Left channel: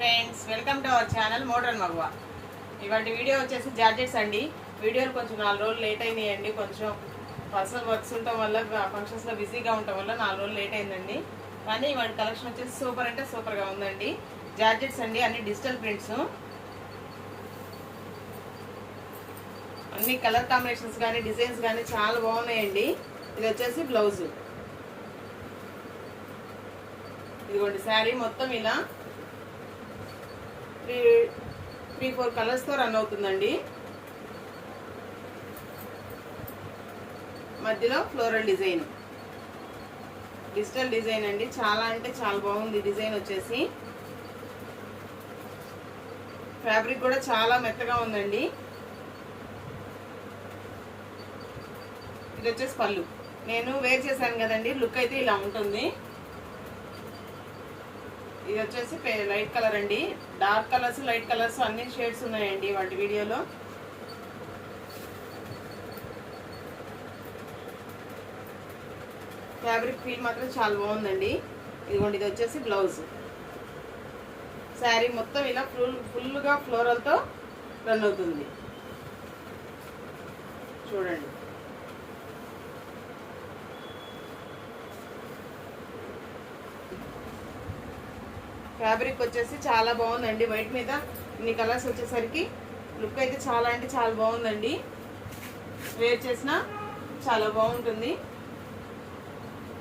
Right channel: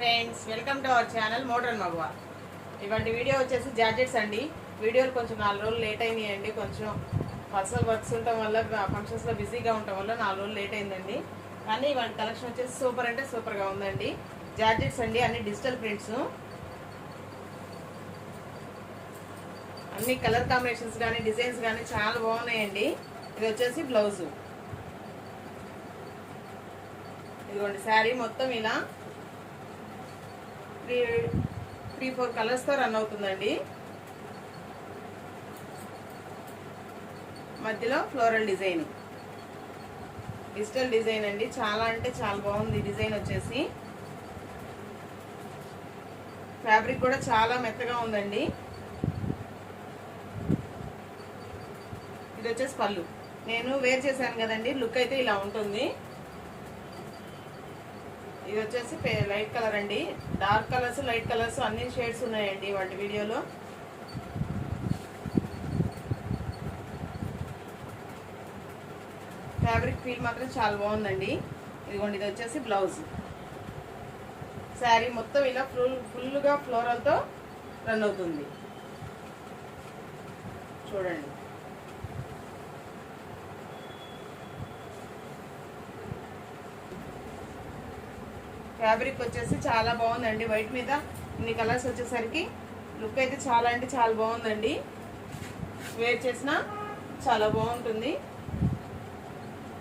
Friends welcome to our channel modern మగువ ఇవాటి video వచ్చేసి georgettes అండి. వీడియోలు కొంచెం నాలుగు రోజులు లేట్ అయినాయండి. కొంచెం పర్సనల్ వర్క్స్ ఉండటం వల్ల ఫంక్షన్స్లో బిజీగా ఉండటం వల్ల నాలుగు రోజులు లేట్ అయిందండి. కానీ ఇవాటి కలెక్షన్ వచ్చేసి సూపర్ అంటే సూపర్గా ఉందండి. జార్జెట్స్ అండి అన్ని డిజిటల్ ప్రింట్స్ అన్ని కలర్ కాంబినేషన్స్ కానీ డిజైన్స్ కానీ చాలా బాగున్నాయండి. ఇది వచ్చేసి బ్లౌజు ఇదిగోండి శారీ మొత్తం ఇలా త్రీ త్రీ ఫోర్ కలర్స్తో రన్ అవుతుందండి. మధ్యలో ఫ్లోరల్ డిజైన్. డిజిటల్ డిజైన్ అండి. చాలా అంటే చాలా బాగుంది డిజైన్ వచ్చేసి. ఫ్యాబ్రిక్ కూడా చాలా మెత్తగా ఉందండి. ఇది వచ్చేసి పళ్ళు. నేను వేర్ చేశాను కదండి. లుక్ అయితే ఇలా ఉంటుంది. ఇది వచ్చేసి లైట్ కలర్ అండి. డార్క్ కలర్స్ లైట్ కలర్స్ అన్ని షేడ్స్ ఉన్నాయండి వాటి వీడియోలో. ఫ్యాబ్రిక్ ఫీల్ మాత్రం చాలా బాగుందండి. ఇదిగోండి ఇది వచ్చేసి బ్లౌజ్. శారీ మొత్తం ఇలా ఫుల్ ఫుల్గా ఫ్లోరల్తో రన్ అవుతుంది. చూడండి. ఫ్యాబ్రిక్ వచ్చేసి చాలా బాగుందండి. వైట్ మీద ఇన్ని కలర్స్ వచ్చేసరికి లుక్ అయితే చాలా అంటే చాలా బాగుందండి. వేర్ చేసిన చాలా బాగుంటుంది.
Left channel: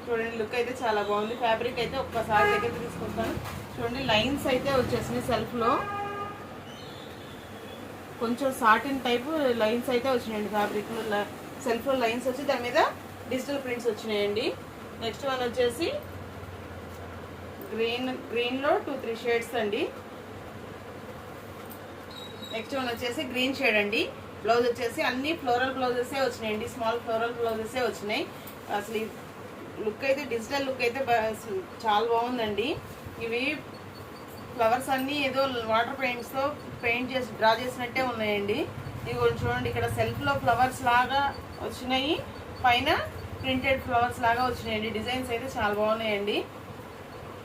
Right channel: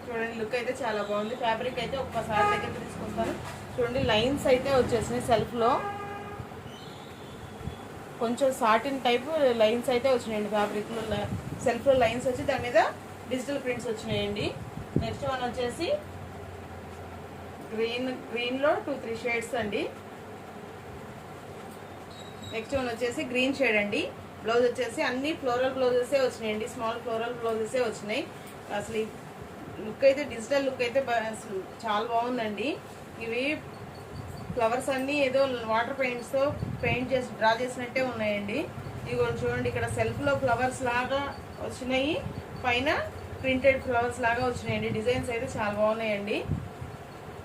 చూడండి లుక్ అయితే చాలా బాగుంది. ఫ్యాబ్రిక్ అయితే ఒక్కసారి అయితే తీసుకుంటాను. చూడండి లైన్స్ అయితే వచ్చేసినాయి సెల్ఫ్లో కొంచెం సాటిన్ టైపు లైన్స్ అయితే వచ్చినాయండి ఫ్యాబ్రిక్ సెల్ఫ్లో లైన్స్ వచ్చి దాని మీద డిజిటల్ ప్రింట్స్ వచ్చినాయండి. నెక్స్ట్ వన్ వచ్చేసి గ్రీన్ గ్రీన్లో టూ త్రీ షేడ్స్ అండి. నెక్స్ట్ వన్ వచ్చేసి గ్రీన్ షేడ్ అండి. బ్లౌజ్ వచ్చేసి అన్ని ఫ్లోరల్ బ్లౌజెసే వచ్చినాయండి. స్మాల్ ఫ్లోరల్ బ్లౌజెసే వచ్చినాయి. అసలు లుక్ అయితే డిజిటల్ లుక్ అయితే చాలా బాగుందండి. ఇవి ఫ్లవర్స్ అన్నీ ఏదో వాటర్ పెయింట్స్తో పెయింట్ చేసి డ్రా చేసినట్టే ఉన్నాయండి. ఇవి చూడండి ఇక్కడ సెల్ఫ్లో ఫ్లవర్స్ లాగా వచ్చినాయి. పైన ప్రింటెడ్ ఫ్లవర్స్ లాగా వచ్చినాయండి. డిజైన్స్ అయితే చాలా బాగున్నాయండి.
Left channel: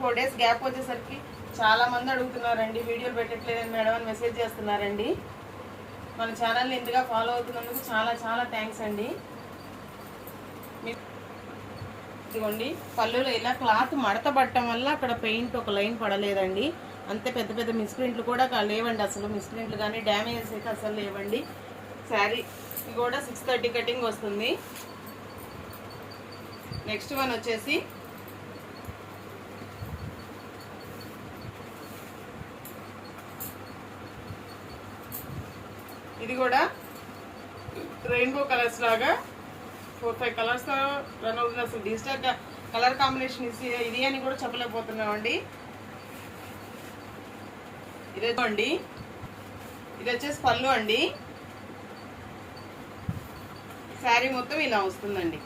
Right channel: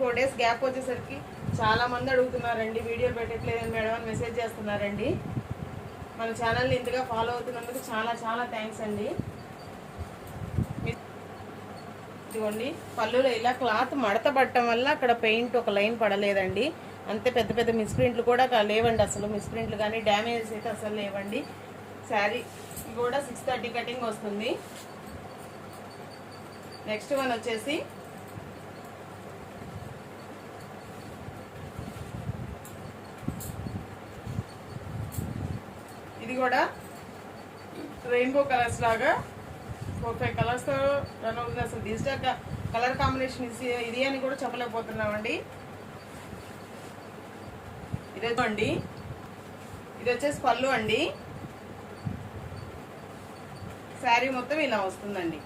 ఫోర్ డేస్ గ్యాప్ వచ్చేసరికి చాలా మంది అడుగుతున్నారండి వీడియోలు పెట్టట్లేదని మేడం అని మెసేజ్ చేస్తున్నారండి. మన ఛానల్ని ఇంతగా ఫాలో అవుతున్నందుకు చాలా చాలా థ్యాంక్స్ అండి. ఇదిగోండి పళ్ళులో ఇలా క్లాత్ మడత పట్టడం వల్ల అక్కడ పెయింట్ ఒక లైన్ పడలేదండి. అంతే పెద్ద పెద్ద మిస్ప్రింట్లు కూడా లేవండి అసలు. మిస్ప్రింట్లు కానీ డ్యామేజెస్ అయితే అసలు లేవండి. శారీ కూడా సిక్స్ థర్టీ కటింగ్ వస్తుంది. నెక్స్ట్ వన్ వచ్చేసి కూడా రెయిన్బో కలర్స్ లాగా ఫోర్ ఫైవ్ కలర్స్ రన్ అవుతుంది. అసలు డిజిటల్ కలర్ కాంబినేషన్ ఇది అని కూడా చెప్పలేకపోతున్నామండి. ఇదే అండి ఇది వచ్చేసి పళ్ళు అండి. శారీ మొత్తం ఇలా వస్తుందండి.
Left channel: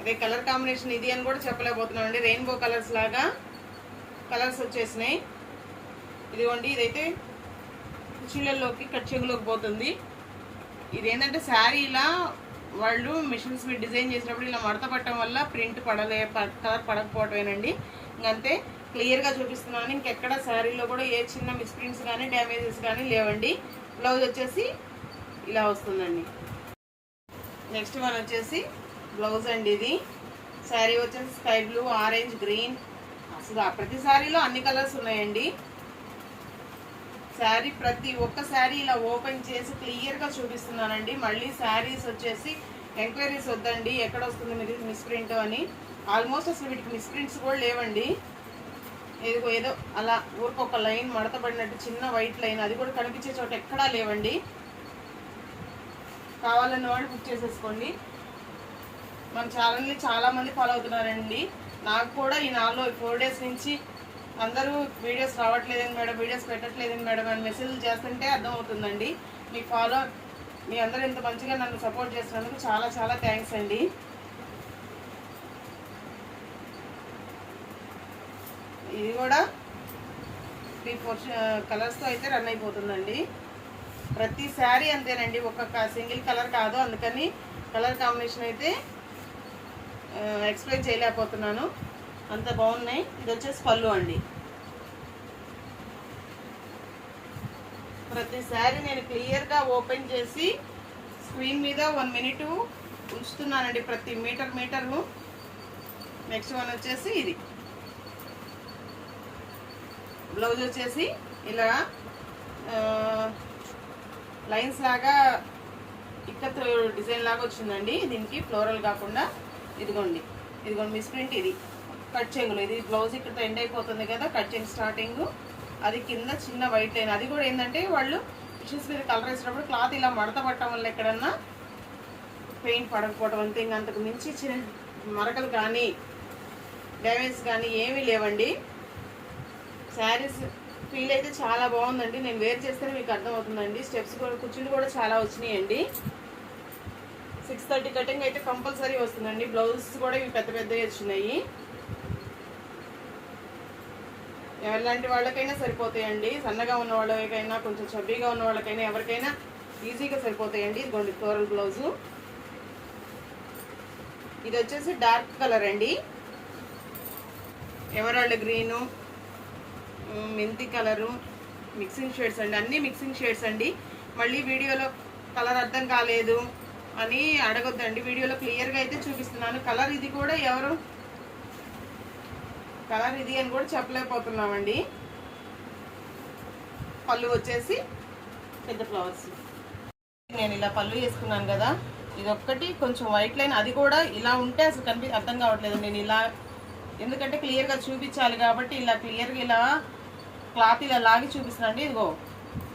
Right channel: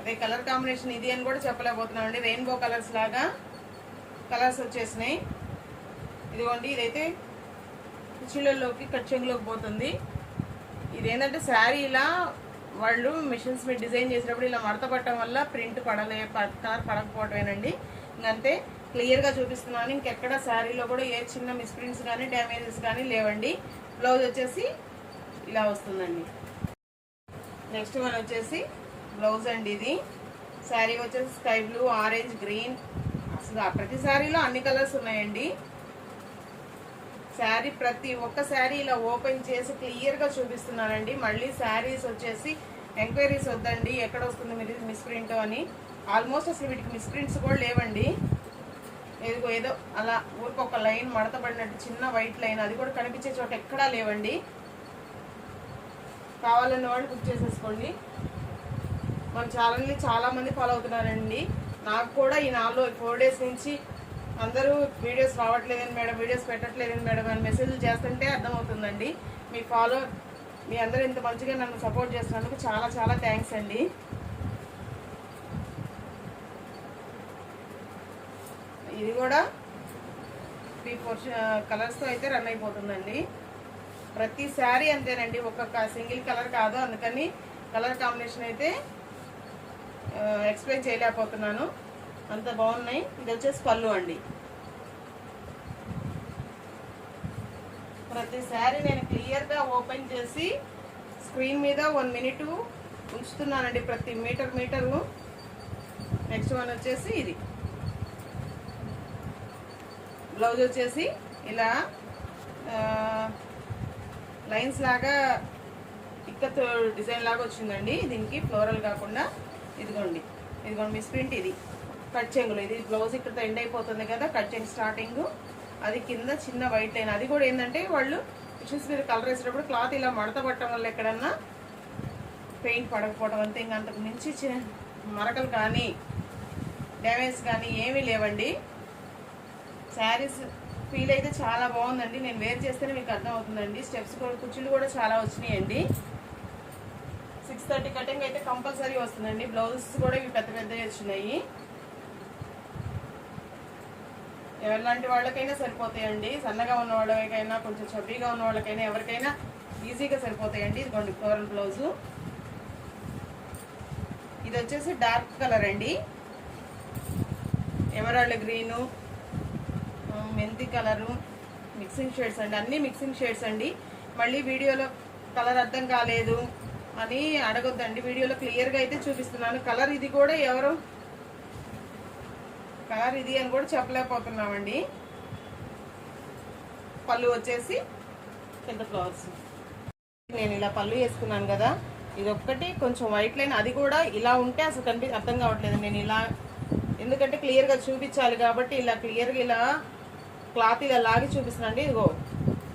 అదే కలర్ కాంబినేషన్ ఇది అని కూడా చెప్పలేకపోతున్నామండి. రెయిన్బో కలర్స్ లాగా కలర్స్ వచ్చేసినాయి. ఇదిగోండి ఇదైతే కుర్చీలలోకి కచ్చంగులోకి పోతుంది. ఇది ఏంటంటే శారీ ఇలా వాళ్ళు మిషన్స్ మీద డిజైన్ చేసినప్పుడు ఇలా మడత పట్టడం వల్ల ప్రింట్ పడలే కలర్ పడకపోవటమేనండి. ఇంకంతే క్లియర్గా చూపిస్తున్నాను. ఇంకెక్కడ శారీలో కూడా ఏ చిన్న మిస్ప్రింట్స్ కానీ డ్యామేజెస్ కానీ లేవండి. బ్లౌజ్ వచ్చేసి ఇలా వస్తుందండి. నెక్స్ట్ వన్ వచ్చేసి బ్లౌజ్ అండి ఇది. శారీ వచ్చేసి స్కై బ్లూ ఆరెంజ్ గ్రీన్. అసలు ప్రతి శారీలో అన్ని కలర్స్ ఉన్నాయండి. శారీ ప్రతి ఒక్క శారీ ఇలా ఓపెన్ చేసి క్లియర్గా చూపిస్తున్నానండి. మళ్ళీ శారీస్ వచ్చేసి ఎంక్వైరీస్ వద్దండి. ఎక్కడ వస్తుంది మీరు మిస్ప్రింట్ అని. ఆల్మోస్ట్ అసలు వీటికి మిస్ప్రింట్స్ కూడా లేవండి. ఏదో ఏదో అలా ఊరికి ఒక లైన్ మడతబడినట్టు చిన్న వైట్ లైన్ అది కూడా కనిపించే చోట ఎక్కడా లేవండి. కావాలన్న వాళ్ళు బుక్ చేసేసుకోండి. మన ఛానల్ని చాలా మంది ఫాలో అవుతున్నారండి. నాకు కూడా ఈ నాలుగు ఫోర్ డేస్ నుంచి అందరూ వీడియోస్ రావట్లేదని మేడం వీడియోస్ పెట్టట్లేదని మేడం అని మెసేజ్లు చేస్తుంటే అర్థమవుతుందండి. మీ ఫాలో మీ అందరూ ఇంత మంచిగా నన్ను సపోర్ట్ చేసినందుకు చాలా చాలా థ్యాంక్స్ అండి. ఇది కూడా ఈ ఫోర్ కలర్స్తో అయితే రన్ అయిపోతుందండి. ప్రతి శారీ అంతేనండి ఒక్కొక్క సింగిల్ కలర్ కాదు. అందుకని కలర్ కాంబినేషన్ అయితే ఎక్స్ప్లెయిన్ చేయలేకపోతున్నాను. అంత బాగున్నాయి. ఇది వచ్చేసి పళ్ళు అండి. ప్రతిసారి నేను క్లియర్గా ఓపెన్ చేసి స్క్రీన్ మీద వన్ మినిట్ ఉంచుతున్నానండి. ప్రతి మీటర్ మీటరు నెక్స్ట్ వన్ వచ్చేసి ఇది. బ్లౌజ్ వచ్చేసి ఇలా లైన్స్ లాగా ఇక్కత్ డిజైన్ లాగా వచ్చిందండి. దీనికి ఫ్లోరల్ కాకుండా ఇదిగోండి. ఇదిగోండి మిస్ ప్రింట్ ఇది. కట్ చెంగులు ఇది బ్లౌజ్ ఇక్కడ ఎండ్ అయిపోతుంది కదా కట్ చెంగు స్టార్టింగ్. అది కింద చిన్న వైట్ లైన్. అది కూడా ఏంటంటే వాళ్ళు మిషన్స్ మీద కలర్ వేసేటప్పుడు క్లాత్ ఇలా మడత పట్టడం వల్ల ఎక్కడన్నా పెయింట్ పడకపోవడం అంతే. ఇంకా అంతకు మించి మరకలు కానీ డ్యామేజ్ కానీ ఏమీ లేవండి. శారీస్ ఫీల్ అయితే చాలా బాగుందండి. నేను వేర్ చేస్తేనే మీకు అర్థమవుతుందండి. స్టెప్స్ కూడా కుర్చీలు కూడా చాలా వచ్చినాయండి. సిక్స్ థర్టీ కటింగ్ అయితే కంపల్సరీ వస్తుందండి. బ్లౌజెస్ కూడా ఇవి పెద్ద పెద్దవి వచ్చినాయి. ఎలాంటి వాళ్ళకైనా సరిపోతాయండి. సన్నగా ఉన్న వాళ్ళకైనా కొంచెం చబ్బీగా ఉన్న వాళ్ళకైనా ఎవరికైనా ఈజీగా సరిపోతాయండి. ఇదిగోండి ఫ్లోరల్ బ్లౌజు ఇది వచ్చేసి డార్క్ కలర్ అండి. ఎమరాల్డ్ గ్రీను మెంతి కలరు మిక్సింగ్ షేడ్స్ అండి. అన్నీ మిక్సింగ్ షేడ్స్ అండి. మళ్ళీ వీడియోలో కలర్ అర్థం కాలేదు అని అడగొద్దండి. వీడియోలో క్లియర్గా అయితే చూపిస్తున్నాను. కలర్ ఇది కూడా ఎవరు కలర్ ఇది అని కూడా చెప్పలేకపోతున్నామండి. పళ్ళు వచ్చేసి పెద్ద ఫ్లవర్స్ నేను ఇలా పళ్ళు వేసుకున్నాను కదా ఇది ఒక్కటి కొంచెం వైట్ లైన్ అది కూడా ఇలా ఉంటే అసలు కనిపి అర్థం కావట్లేదు. నేను ఇలా ఎందుకంటే క్లియర్గా చూపించాలి కాబట్టి ఇలా క్లియర్గా ఇలా క్లాత్ ఇలా లాగి చూపిస్తున్నాండి ఇదిగో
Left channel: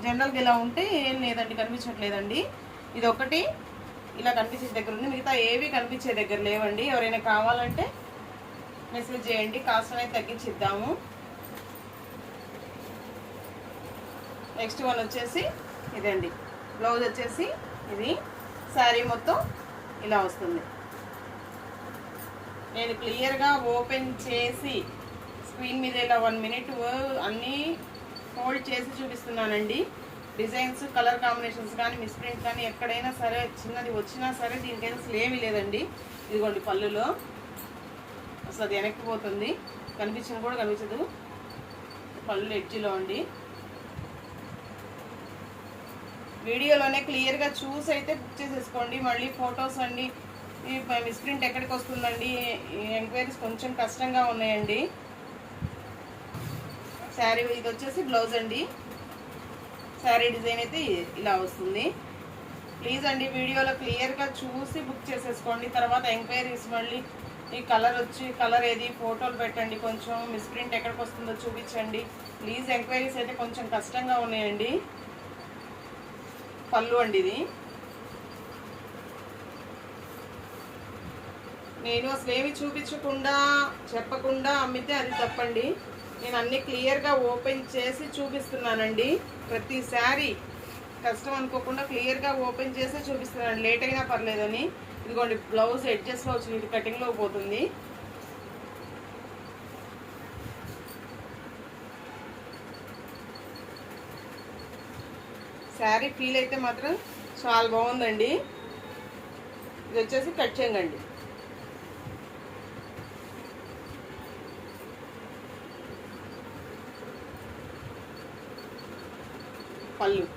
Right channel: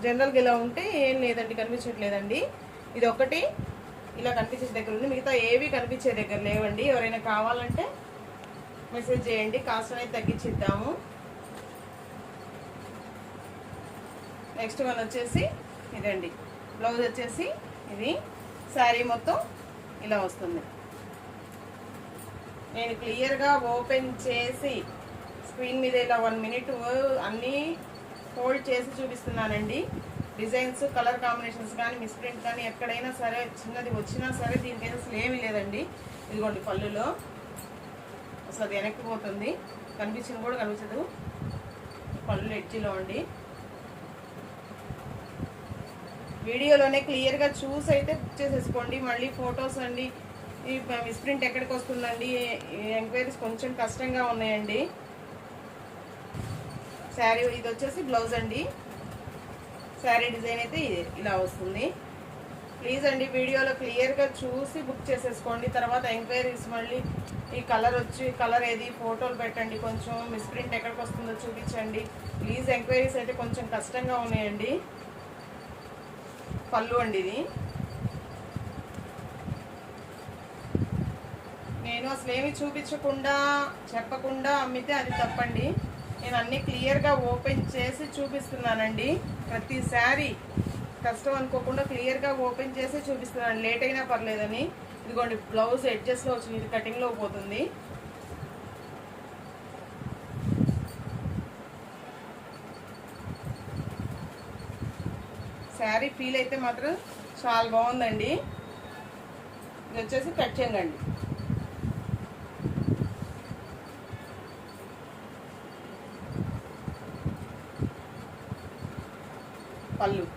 జనరల్గా ఇలా ఉంటే ఏం లేదండి కనిపించట్లేదండి. ఇది ఒకటి ఇలా కనిపించే దగ్గర ఉంది. మిగతా ఏవి కనిపించే దగ్గర లేవండి. ఎవరైనా కావాలంటే మెసేజ్ చేయండి కాస్ట్ అనేది తగ్గించిద్దాము. నెక్స్ట్ వన్ వచ్చేసి ఇదండి. బ్లౌజ్ వచ్చేసి ఇది శారీ మొత్తం ఇలా వస్తుంది. నేను క్లియర్గా ఓపెన్ చేసి స్క్రీన్ మీద ఇలా వన్ మినిట్ అన్నీ ఫోల్డ్ చేసి చూపిస్తున్నానండి. డిజైన్స్ కలర్ కాంబినేషన్స్ కానీ మిస్ప్రింట్ కానీ ఎక్కడైనా సరే చిన్నది వచ్చినా సరే దీనికైనా అసలు ఏమీ లేదండి. ఇదిగోండి పళ్ళులో. అసలు అది వెనక్కి పోతుంది. కూడా కనిపించదు. పళ్ళు ఎడ్జిలో అండి. వీడియోలోనే క్లియర్గా చూసి అయితే బుక్ చేసేసుకోండి. మళ్ళీ ఫొటోస్ అండి. మిస్ప్రింట్ ఎక్కడికి వస్తుందండి? ఎంక్వైరీస్ కొంచెం కష్టంగా ఉన్నాయండి. శారీ ఇది వచ్చేసి బ్లౌజ్ అండి. శారీ డిజైన్ అయితే ఇలా వస్తుంది. ప్లీజ్ అండి వీడియోలో క్లియర్గా చూసి బుక్ చేసేసుకోండి. తర్వాత ఎంక్వైరీస్ మళ్ళీ ఈ కలర్ వచ్చి కలర్ ఏది? ఫోటోలు పెట్టండి కొంచెం. మిస్ప్రింట్ ఎక్కడికి వస్తుందో చూపించండి. ప్లీజ్ ఎంక్వైరీస్ అయితే కొంచెం కష్టంగా ఉన్నాయండి. పళ్ళు అండి ఇది. నేను అసలు ఏమి చూపించకుండా చెప్పకుండా అమ్మితే అది తప్పండి. నేను అన్ని క్లియర్గా ఓపెన్ చేసి చూపిస్తున్నానండి. ప్రతిసారి కష్టం అనుకోకుండా క్లియర్గా ఓపెన్ చేసి చూపిస్తున్నాను. లేట్ అయినా పర్లేదని. ఇదిగోండి బ్లౌజ్ ఎడ్జెస్లో వచ్చింది ఇది కటింగ్లో పోతుంది. శారీ ఫీల్ అయితే మాత్రం చాలా బాగుందండి. ఇది వచ్చేసి కట్ చేయండి. పళ్ళు.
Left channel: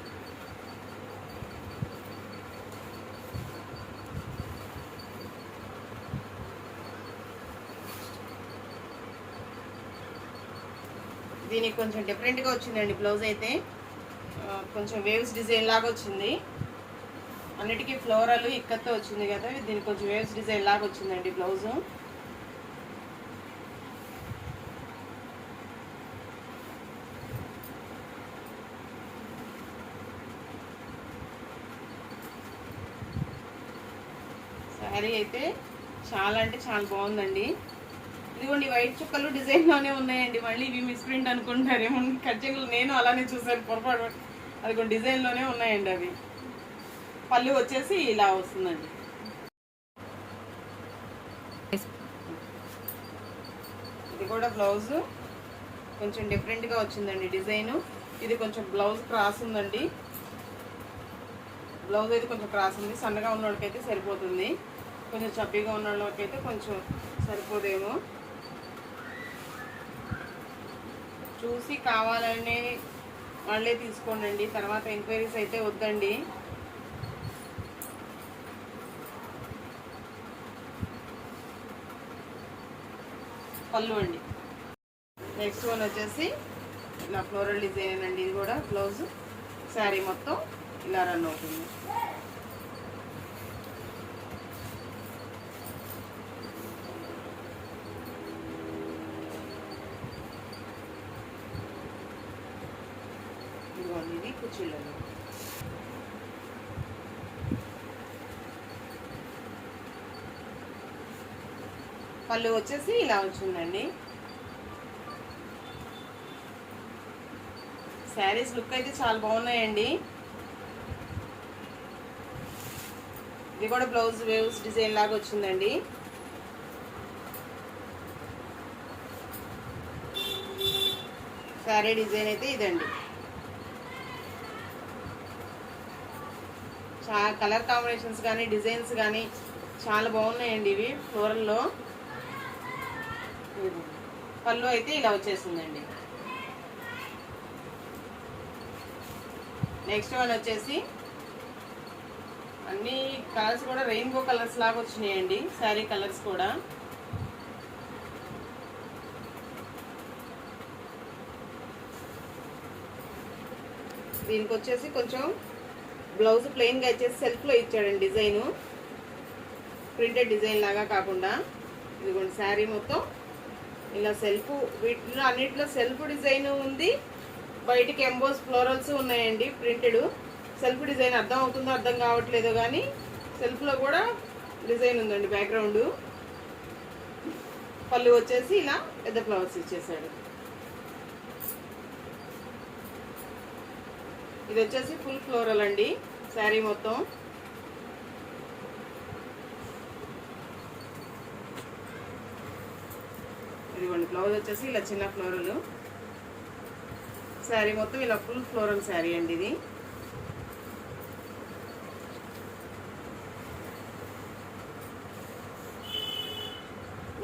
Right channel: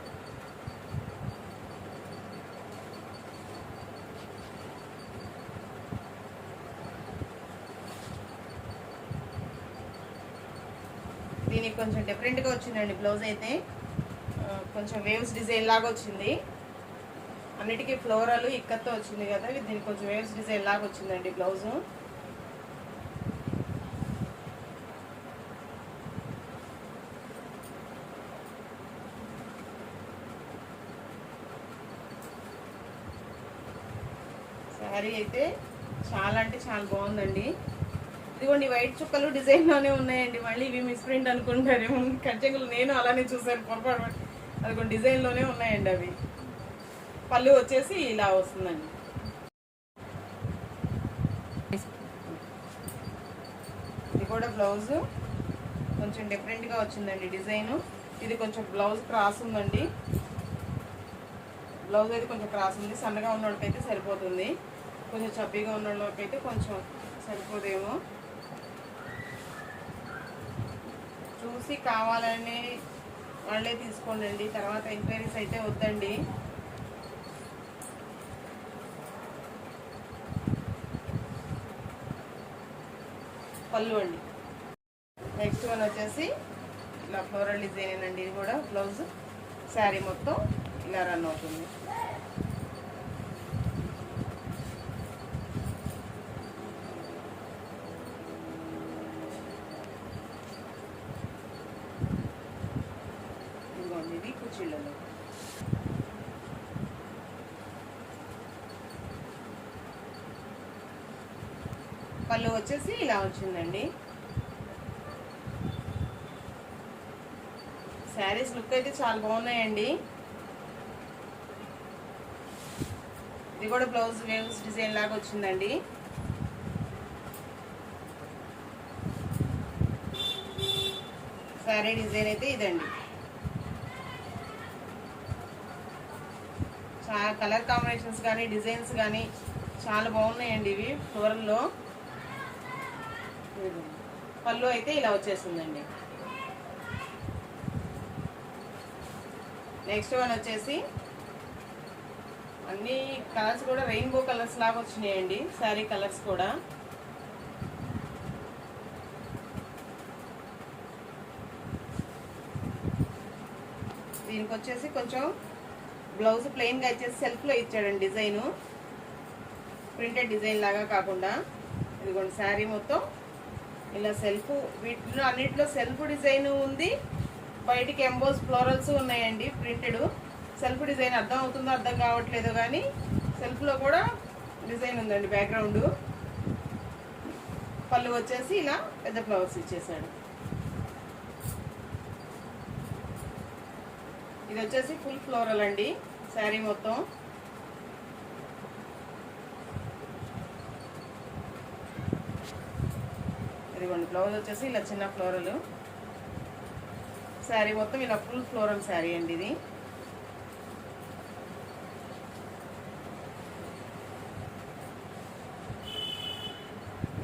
దీనికి కొంచెం డిఫరెంట్గా వచ్చిందండి బ్లౌజ్ అయితే. కొంచెం వేవ్స్ డిజైన్ లాగా వచ్చింది. అన్నిటికీ ఫ్లోరల్ ఇక్కత్తో వచ్చింది కదా దీనికి కొంచెం వేవ్స్ డిజైన్ లాగా వచ్చిందండి బ్లౌజు శారీ అయితే చాలా అంటే చాలా బాగుందండి. ఇదిగోండి వైట్ చుక్కలు డిజైన్లోనే ఉన్నాయండి. మళ్ళీ ఇవి మిస్ ప్రింట్ అనుకుంటారేమో. ఖర్చంగులు నేను అలానే చూసాను పొరపాటు అది డిజైన్లోనే ఉన్నాయండి అవి. పళ్ళు వచ్చేసి ఇలా వస్తుందండి. ఇది కూడా బ్లౌజ్ కొంచెం డిఫరెంట్గా వచ్చిందండి డిజైన్. ఇది కొంచెం బ్లౌజ్ క్రాస్ ఉందండి. బ్లౌజ్ అయితే కొంచెం క్రాస్ ఉంది. సన్నగా ఉన్న వాళ్ళకైతే సరిపోతుంది. కొంచెం చబ్బీగా ఉన్న వాళ్ళకైతే కొంచెం సరిపోదేమో. చూసి కావాలని వాళ్ళే తీసుకోండి తర్వాత ఎంక్వైరీస్ అయితే వద్దండి. పళ్ళు అండి. నెక్స్ట్ వన్ వచ్చేసి ఇలా ఫ్లోరల్ డిజైన్ అండి. ఇది కూడా బ్లౌజ్ శారీ మొత్తం ఇలా రన్ అవుతుంది ఇదిగోండి ఇది కుచ్చిళ్ళలో పళ్ళు వచ్చేసి ఇలా వచ్చిందండి. శారీస్ లుక్ అయితే చాలా బాగున్నాయండి. ఇది కూడా బ్లౌజ్ వేవ్స్ డిజైన్ లాగా వచ్చిందండి. శారీ డిజైన్ అయితే ఇదండి. చాలా కలర్ కాంబినేషన్స్ కానీ డిజైన్స్ కానీ చాలా బాగున్నాయండి ఇవి ఫ్లోరల్లో పళ్ళు అయితే ఇలా వచ్చేసిందండి. నెక్స్ట్ వన్ వచ్చేసి అన్ని కలర్స్ కూడా రెయిన్బో కలర్స్ లాగా వచ్చినాయండి శారీ కలర్స్ కూడా. దీనికి వచ్చేసి కొంచెం బ్లౌజ్ ప్లెయిన్గా ఇచ్చేసి సెల్ఫ్లో ఇచ్చాడండి డిజైను. ప్రింటెడ్ డిజైన్ లాగా కాకుండా. ఇదిగోండి శారీ మొత్తం ఇలా సెల్ఫ్ వీటిలో అన్నిటిలో సెల్ఫ్ డిజైన్ ఉంది. బయటికి ఎంబోస్ ఫ్లోరల్స్ ఉన్నాయండి ప్రింటెడ్. సెల్ఫ్ డిజైన్ అర్థం అవుతుందో అర్థం కావట్లేదో కానీ సెల్ఫ్లో కూడా డిజైన్ ఉందండి బ్యాక్గ్రౌండ్. పళ్ళు వచ్చేసి ఇలా పెద్ద ఫ్లవర్స్ ఇచ్చేసాడు. ఇది వచ్చేసి ఫుల్ ఫ్లోరల్ అండి శారీ మొత్తం. ఇదిగోండి బ్లౌజ్ వచ్చేసి ఇలా చిన్న ఫ్లోరల్ శారీ మొత్తం ఇలా ఫుల్ ఫ్లోరల్ శారీ అండి ఇది.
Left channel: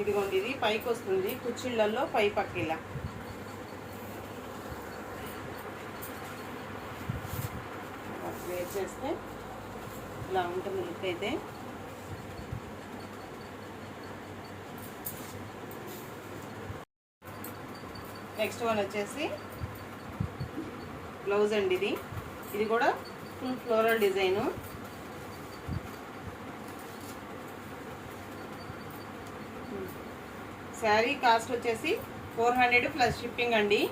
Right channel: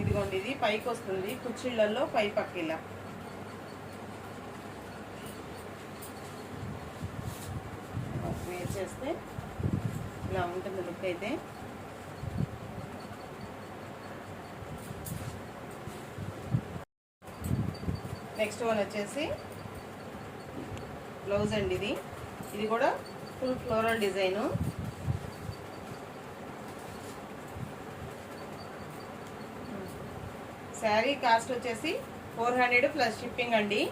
ఇదిగోండి ఇది పైకి వస్తుంది కుచ్చిళ్ళల్లో పై పక్క ఇలా. వేర్ చేస్తే ఇలా ఉంటుంది లుక్ అయితే. నెక్స్ట్ వన్ వచ్చేసి బ్లౌజ్ అండి ఇది. ఇది కూడా full floral design. Sari cost వచ్చేసి ఫోర్ హండ్రెడ్ ప్లస్ షిప్పింగ్ అండి.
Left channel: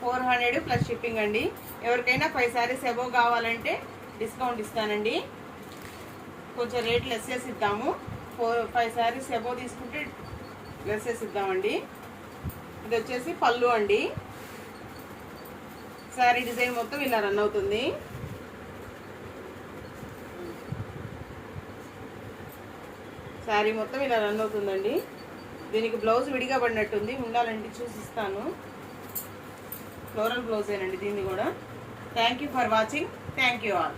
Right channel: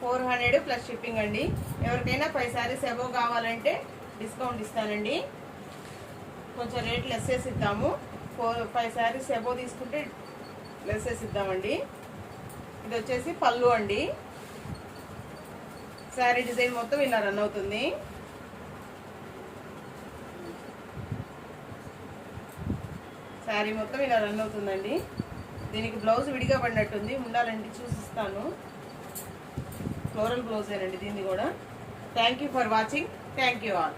ఫోర్ హండ్రెడ్ ప్లస్ షిప్పింగ్ అండి. ఎవరికైనా ఫైవ్ శారీస్ అబవ్ కావాలంటే డిస్కౌంట్ ఇస్తానండి. కొంచెం రేట్ లెస్ చేసి ఇద్దాము. ఫోర్ ఫైవ్ శారీస్ అబవ్ తీసుకుంటే లెస్ చేసి ఇద్దామండి. ఇది వచ్చేసి పళ్ళు అండి. శారీ డిజైన్ మొత్తం ఇలా రన్ అవుతుంది. శారీ మొత్తం ఇలా రన్ అవుతుందండి. దీనికి బ్లౌజ్ విడిగా పడినట్టుంది. ఉండాలండి చూసిస్తాను. ఫ్లోరల్ బ్లౌజేనండి దీన్ని కూడా. Thank you for watching thank you all